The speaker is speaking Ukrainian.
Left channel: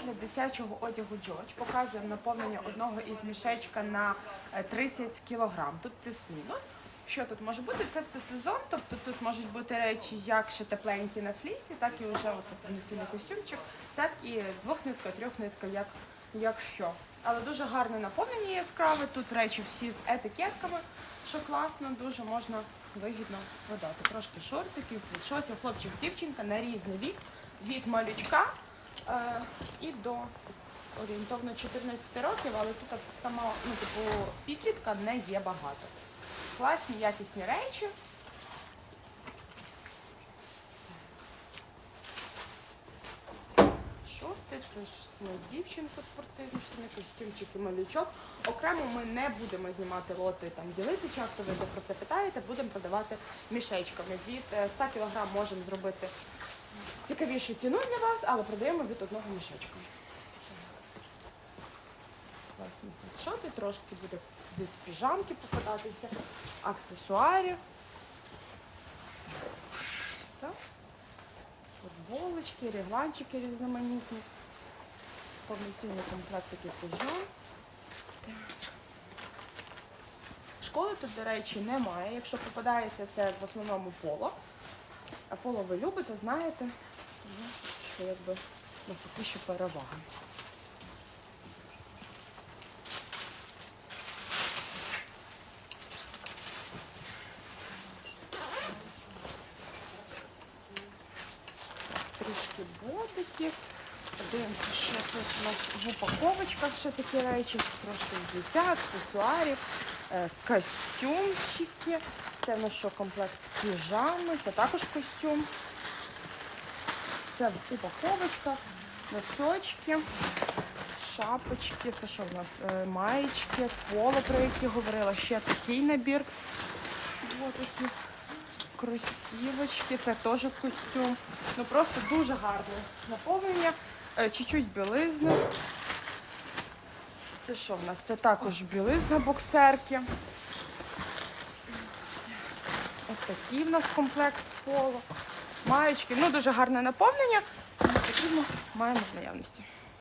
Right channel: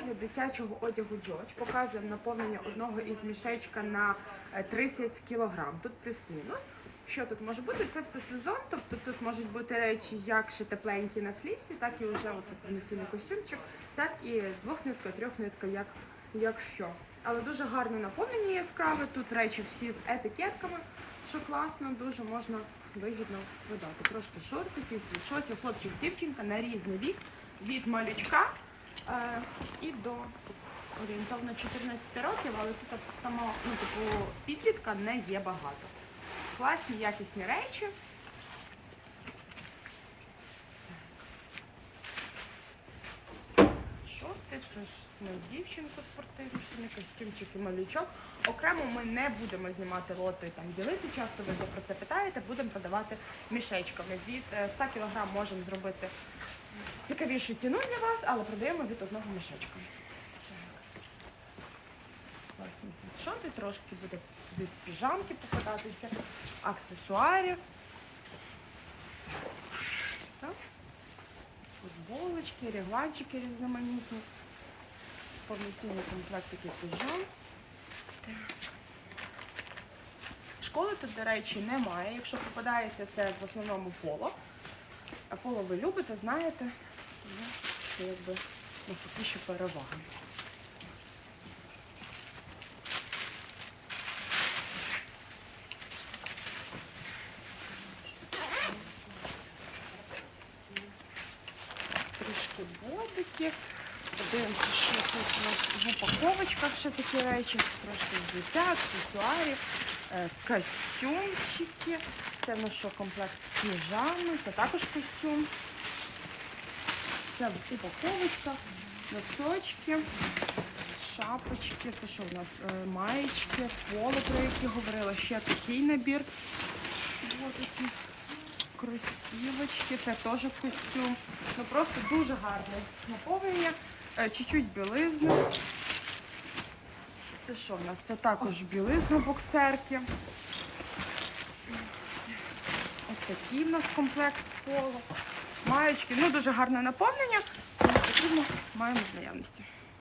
огляд дитячого одягу Джоч. Показуємо наповнення одного із мішечка на е, 30 кг. Тут плюс-мінус. Що тут може бути? Це все сезон, тобто тут можуть бути речі як ще тепленькі на флісі, так і вже оце повноцінний костюмчик, так і двохнитка, трьохнитка, як, як що. Але дуже гарне наповнення яскраве. Тут речі всі з етикетками, що класно, дуже можна вигідно видати. Трошки шортики, світшотів, хлопчик, дівчинка на різний вік, від малючка е, і до орієнтовно 14 років, але тут само, ну, типу, підлітка не є багато. Класні, якісні речі. Шорти, це ж на дівчинку спортивні, і малючок. Окремо ми не будемо знімати лоти там ділити. Часто ви про це питаєте, будемо продавати мішечками. Від е, 100 кг можемо зробити цікавішу ціну для вас, але продаємо від одного мішечка. Класні світшоти, трошки буде десь піжамки попадатися, аксесуарів. Так. Футболочки, регланчики різноманітні. Повноцінні комплектики піжам. Так. Школи тут, до речі, немає. Якщо попадається, це в основному поло. А поло ви любите, знаєте. Тому це якби такі ще переваги. Трішки ботиків. Подивимося, що тут у нас в упаковочках ще такі речі. Трошки взуття, аксесуарів, е, костюмчики. Це нас що комплект піжами, це також костюм. Це в упаковочках, носочки, шапочки. Це що в нас? Е, Маєчки, поло, про які говорила. Ще такий набір. Ось такі кросівочки, це теж костюм. Ну просто дуже гарне наповнення. Е, Чуть-чуть білизни. Це що в нас? Це також білизна боксерки. Ось такий в нас комплект поло. Маєчки. Ну дуже гарне наповнення. Потрібно, маємо в наявності.